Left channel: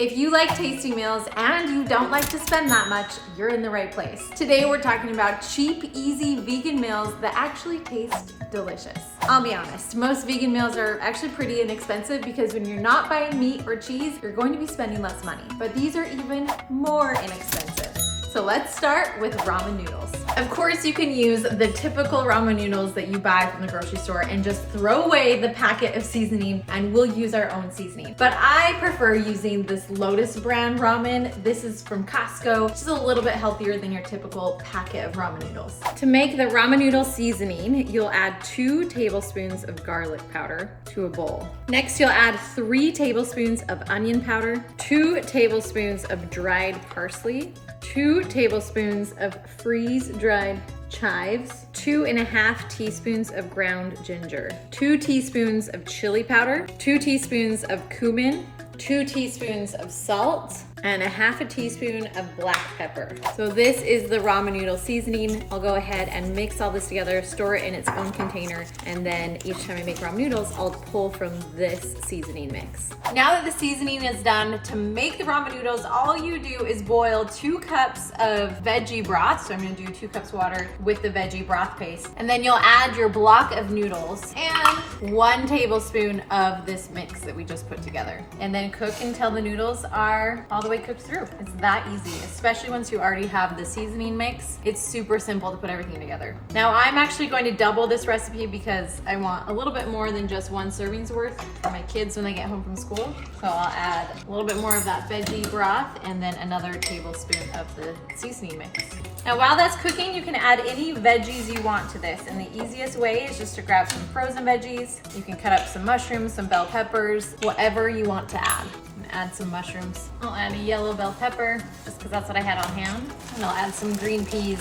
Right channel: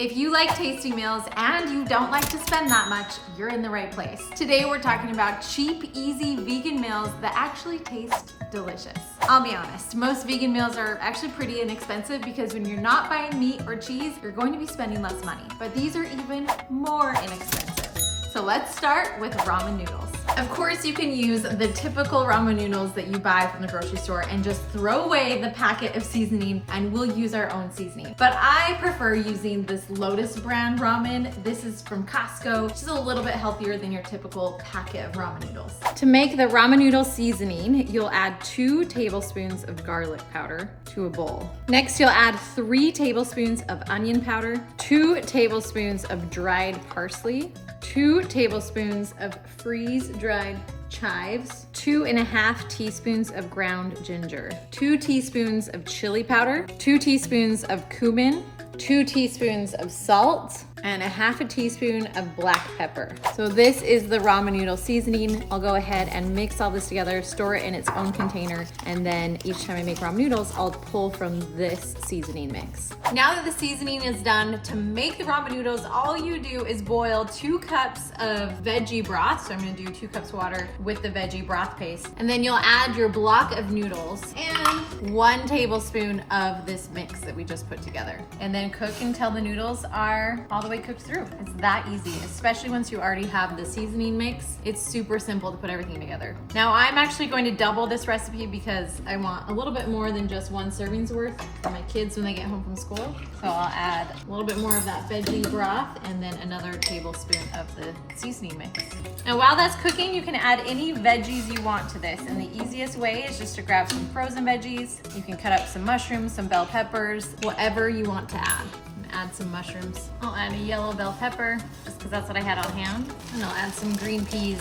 If you like tasty meals and you don't like to spend that much, you're in the right place. Today we're talking about cheap, easy vegan meals that actually taste delicious. I'll be honest, most vegan meals are actually pretty inexpensive because when you're not buying meat or cheese, you're going to be spending less money. But these are even more inexpensive. So let's start with ramen noodles. Of course, you can use the typical ramen noodles that you buy from the grocery store and just throw away the packet of seasoning and we'll use our own seasoning. But I prefer using this Lotus brand ramen. This is from Costco, which is a little bit healthier than your typical packet of ramen noodles. To make the ramen noodle seasoning, you'll add 2 tablespoons of garlic powder to a bowl. Next, you'll add 3 tablespoons of onion powder, 2 tablespoons of dried parsley, 2 tablespoons of freeze-dried chives, 2.5 teaspoons of ground ginger, 2 teaspoons of chili powder, 2 teaspoons of cumin, 2 teaspoons of salt, and 1/2 teaspoon of black pepper. So this is the ramen noodle seasoning. I'll go ahead and mix all this together, store it in its own container, and then each time I make ramen noodles, I'll pull from this seasoning mix. Now that the seasoning is done, to make the ramen noodles, all you do is boil 2 cups of veggie broth. So I'm gonna do 2 cups water with the veggie broth paste. And then you'll add your block of noodles and 1 tablespoon of this mix that we just put together. And then cook until the noodles are all the way cooked through. It's that easy, especially once you already have the seasoning mix. It's super simple to put everything together. Now I'm actually going to double this recipe because I want a little bit more than just 1 serving's worth for my kids when they get home from school. So I'll add a little bit more of that veggie broth and then another tablespoon of the seasoning mix. Now while that's cooking, you can add any veggies you want to this. And the easiest way is just to grab some frozen veggies. You can cut up some mushrooms, some bell peppers, whatever you want to add. Add some mushrooms. I'll add a yellow bell pepper, just because that's what I had on hand. And I'll add some green peas.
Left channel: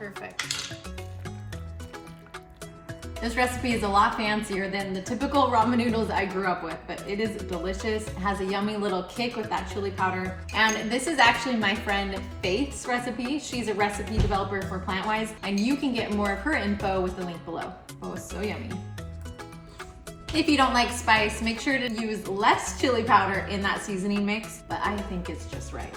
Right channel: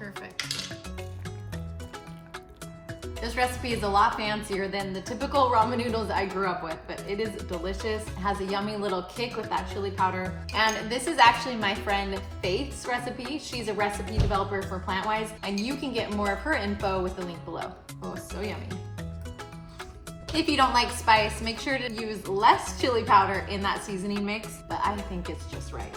Perfect. This recipe is a lot fancier than the typical ramen noodles I grew up with, but it is delicious. It has a yummy little kick with that chili powder. And this is actually my friend Faith's recipe. She's a recipe developer for Plantwise, and you can get more of her info with the link below. Oh, it's so yummy. If you don't like spice, make sure to use less chili powder in that seasoning mix, but I think it's just right.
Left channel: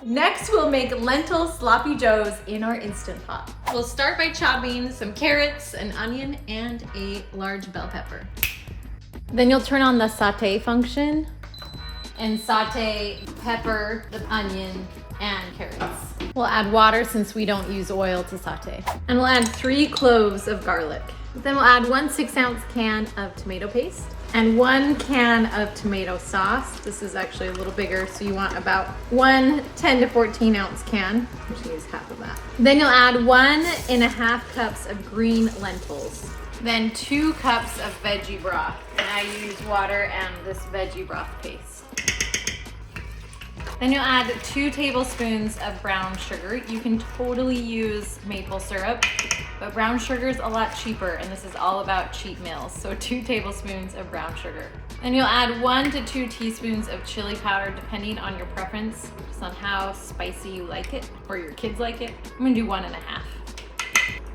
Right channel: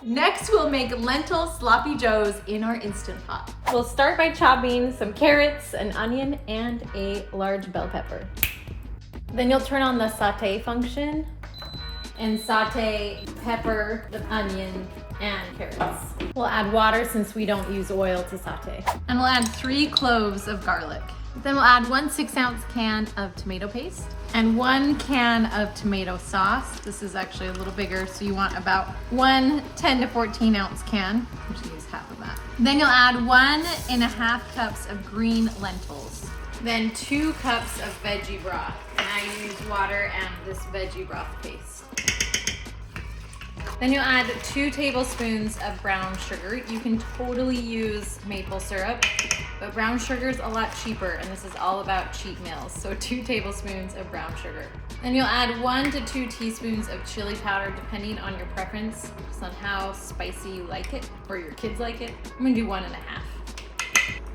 Next, we'll make lentil sloppy joes in our Instant Pot. We'll start by chopping some carrots, an onion, and a large bell pepper. Then you'll turn on the saute function and saute pepper, the onion, and carrots. We'll add water since we don't use oil to saute. And we'll add 3 cloves of garlic. Then we'll add 1 6-ounce can of tomato paste and 1 can of tomato sauce. This is actually a little bigger, so you want about 1 10 to 14 ounce can, which needs half of that. Then you'll add 1.5 cups of green lentils. Then 2 cups of veggie broth. And I use water and this veggie broth paste. Then you'll add 2 tablespoons of brown sugar. You can totally use maple syrup, but brown sugar is a lot cheaper, and this is all about cheap meals. So 2 tablespoons of brown sugar. Then you'll add 1 to 2 teaspoons of chili powder, depending on your preference, just on how spicy you like it, or your kids like it. I'm gonna do 1.5.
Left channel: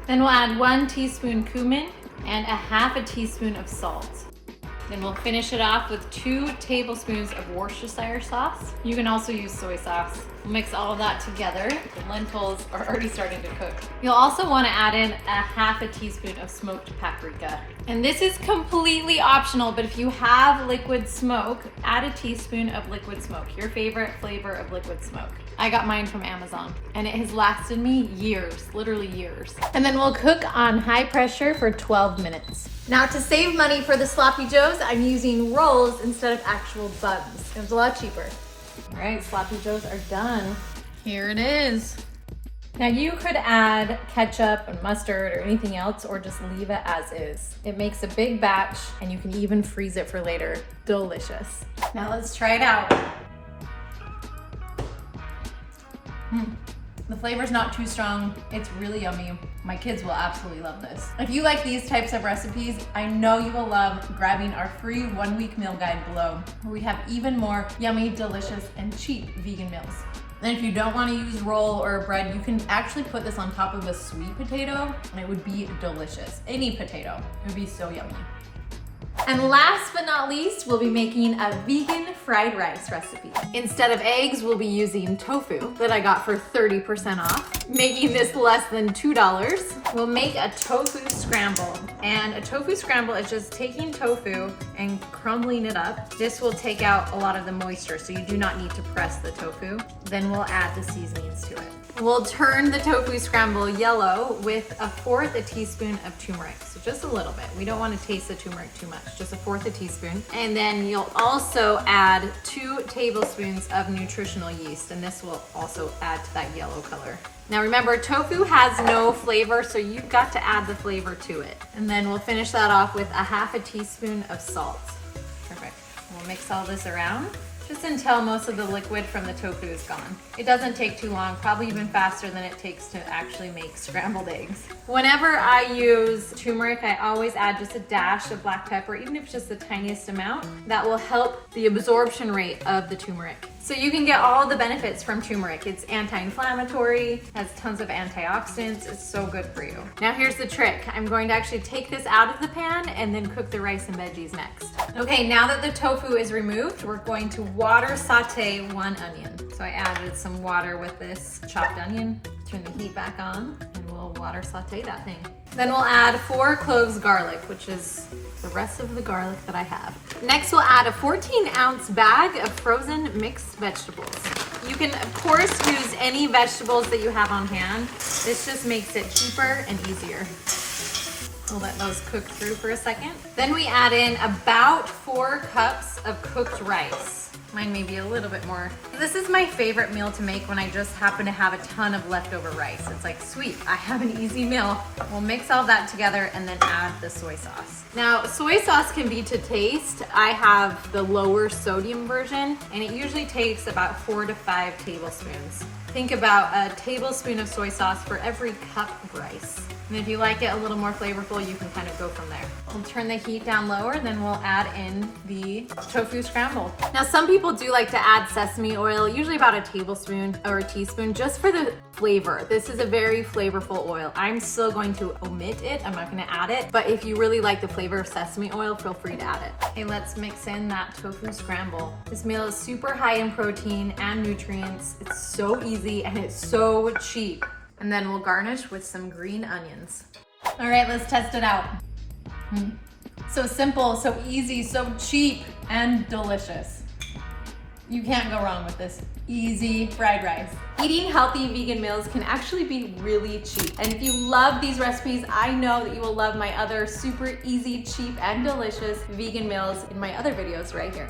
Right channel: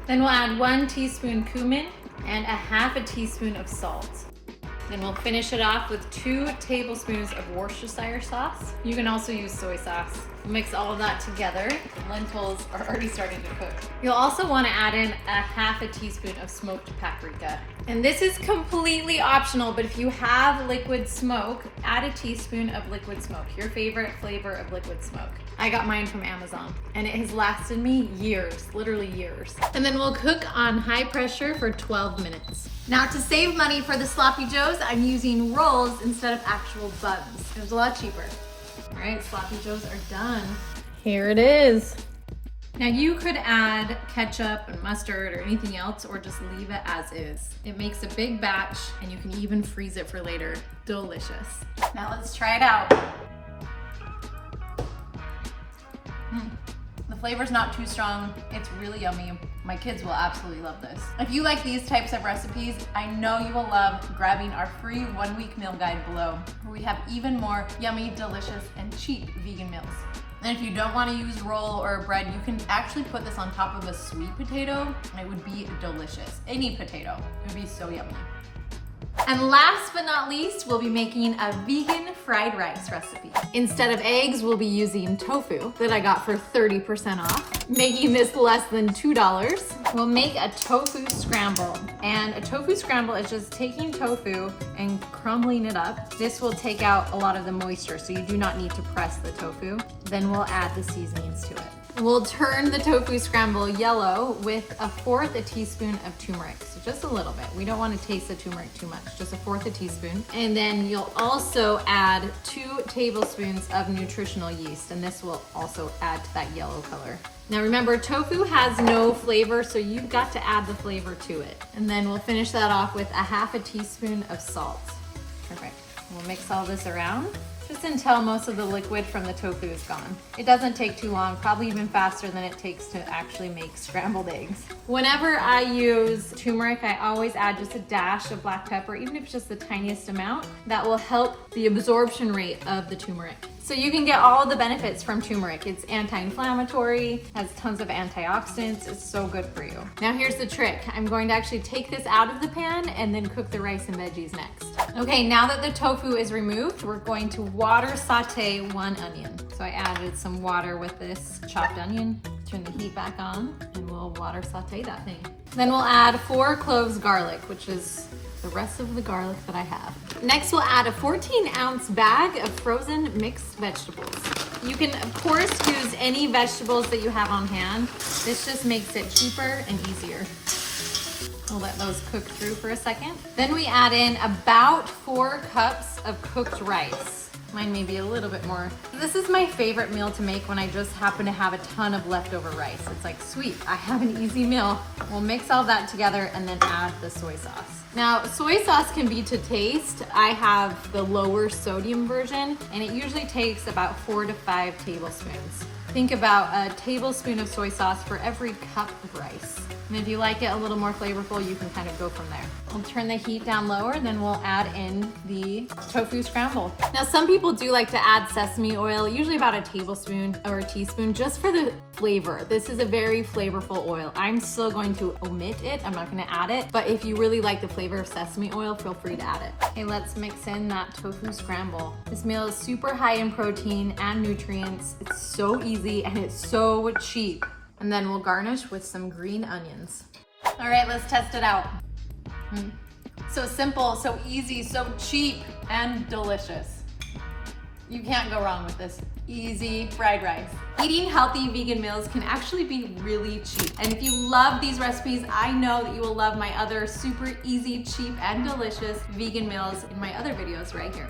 Then we'll add 1 teaspoon cumin and 1/2 teaspoon of salt. Then we'll finish it off with 2 tablespoons of Worcestershire sauce. You can also use soy sauce. We'll mix all of that together. The lentils are already starting to cook. You'll also want to add in 1/2 teaspoon of smoked paprika. And this is completely optional, but if you have liquid smoke, add a teaspoon of liquid smoke, your favorite flavor of liquid smoke. I got mine from Amazon, and it has lasted me years, literally years. And then we'll cook on high pressure for 12 minutes. Now to save money for the sloppy joes, I'm using rolls instead of actual buns. It was a lot cheaper. All right, sloppy joes are done. Here it is. Now you could add ketchup and mustard or anything else, or just leave it as is. It makes a big batch, and you can even freeze it for later. Delicious. Now let's try it out. The flavor's not too strong. It's really yummy. My kids will absolutely love this. If you like these types of recipes, I know you will love grabbing our free 1-week meal guide below, where we have even more yummy, delicious, and cheap vegan meals. And if you don't want to use roll or bread, you can actually put this on top of a sweet potato, and it would be delicious. Any potato, it would be so yummy. And last but not least, we'll be making a vegan fried rice recipe. Instead of eggs, we'll be using tofu that I got for 30% off, making this less than $2. We'll make a tofu scramble. And a tofu scramble is just taking tofu and crumbling it up. This will take out a lot of the moisture, so you do not need to press the tofu. Then we'll add the seasonings to it. We'll turn the tofu scramble yellow with 1/4 teaspoon of turmeric. So just a little bit. We don't want to taste the turmeric too much, just 1/4 teaspoon. And then you'll also add 2 tablespoons of nutritional yeast, and this will also add to that yellow color. Now remember, tofu has no flavor, so you've got to add the flavor to it. And then we'll finish that off with 1/2 teaspoon of salt. Perfect. We'll mix all this around just until most of the liquid from the tofu is gone. It doesn't take too long, probably even faster than it takes to actually make scrambled eggs. Whenever I use turmeric, I always add just a dash of black pepper, even if it's just the tiniest amount. That will help the absorption rate of the turmeric. So you can get all the benefits from turmeric. It's anti-inflammatory, has tons of antioxidants. It's so good for you. Now here's the trick. I'm going to actually take this out of the pan and then cook the rice and veggies next. Okay, now that the tofu is removed, we're going to water saute 1 onion. So I added some water with this chopped onion. Turn the heat back on and we'll water saute that thing. Then we'll add 4 cloves garlic, which is the rest of the garlic that I have. Next, we'll add a 14-ounce bag of frozen mixed vegetables. You can, of course, use any vegetables that you have on hand. This just makes it cheaper and easier. We'll let those cook through for a second. Then we add in about 4 cups of cooked rice. Mine may be a little bit more. This is my favorite meal to make when I just happen to have a ton of leftover rice. It's like, sweet, I have an easy meal. We'll mix all that together and then add the soy sauce. Now, soy sauce can be to taste. I have the lower sodium version, and it usually takes about 4 to 5 tablespoons. Think about a tablespoon of soy sauce for every cup of rice. And if you like it a little more flavorful, you can kind of go from there. We'll turn the heat down lower, then we'll add in the tofu scramble. Now, some people do like to add sesame oil, usually about a tablespoon or a teaspoon, just for the flavor. This is a very flavorful oil. I'm still going to omit it. I'm not gonna add it, but if you really like the flavor of sesame oil, feel free to add it. Okay, let's mix in that tofu scramble. This meal is super high in protein and nutrients. It's so easy and it's so cheap. And then we'll garnish with some green onions. All right, let's test it out. So simple, so easy, so cheap, and delicious. You can't go wrong with this easy fried rice. Eating healthy vegan meals can actually be really cheap. And if you love these recipes, I know that you will love my other super easy, cheap, and delicious vegan meals in my other videos right here.